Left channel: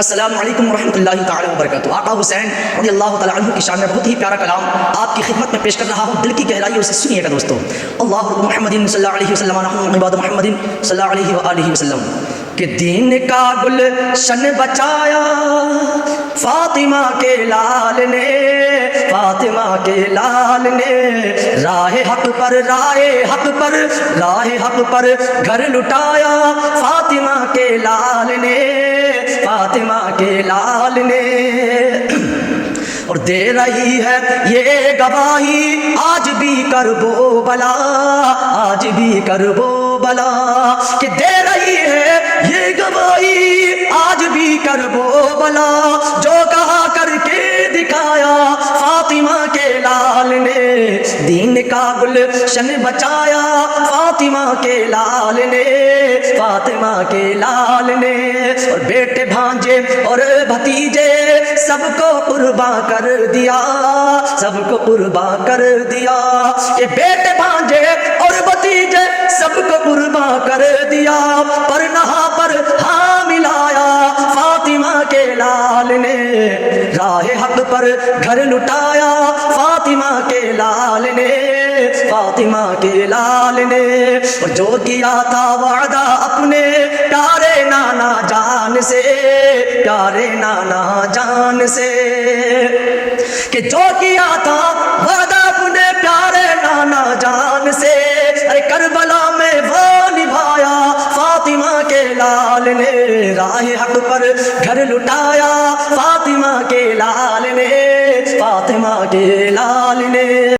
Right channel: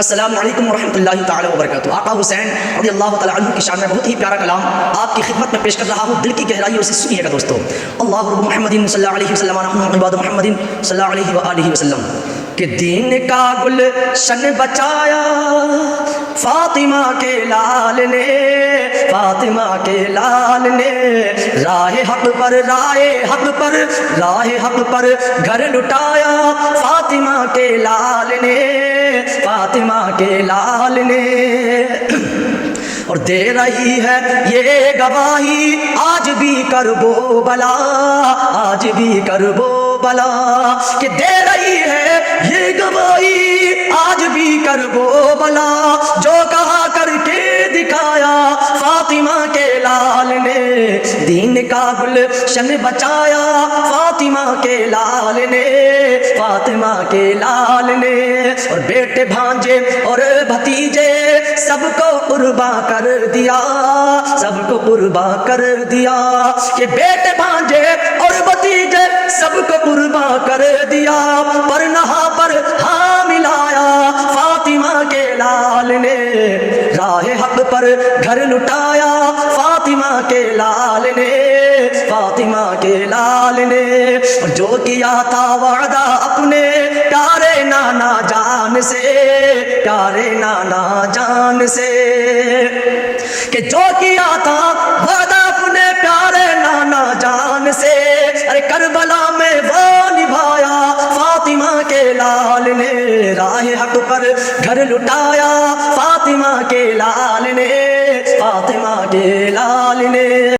السلام علیکم ورحمۃ اللہ تعالی وبرکاتہ۔ آقا حسین رضی اللہ تعالی عنہ کی شان میں بہت ہی پیارا کلام آپ کی خدمت میں پیش کر رہا ہوں، دل کی گہرائیوں سے سنیے گا دوستو۔ اللہ محمد صلی اللہ علیہ وسلم نحن عباد محمد صلی اللہ علیہ وآلہ وسلم کہ دین کا گلشن بچایا فاطمہ کے لال نے، فاطمہ کے لال نے راہ حق پر گھر لٹایا فاطمہ کے لال نے، فاطمہ کے لال نے۔ اور دے رہی ہے یہ گواہی آج بھی کربلا، آج بھی کربلا کہ دے رہی ہے یہ گواہی آج بھی کربلا، جو کہا کر کے دکھایا فاطمہ کے لال نے، دین کا گلشن بچایا فاطمہ کے لال نے، فاطمہ کے لال نے۔ اور بیٹے بھانجے اور بھتیجے سب کو قربان کر دیا، سب کو قربان کر دیا کہ بیٹے بھانجے اور بھتیجے سب کو قربان کر دیا، پر نہا پر ہاں ملایا فاطمہ کے لال نے، راہ حق پر گھر لٹایا فاطمہ کے لال نے، فاطمہ کے لال نے۔ اور جو کیا تھا وعدہ اپنے پیارے نانا جان سے، پیارے نانا جان سے کہ جو کیا تھا وعدہ اپنے پیارے نانا جان سے، ارے کربلا میں وہ نبھایا فاطمہ کے لال نے، راہ حق پر گھر لٹایا فاطمہ کے لال نے، فاطمہ کے لال نے۔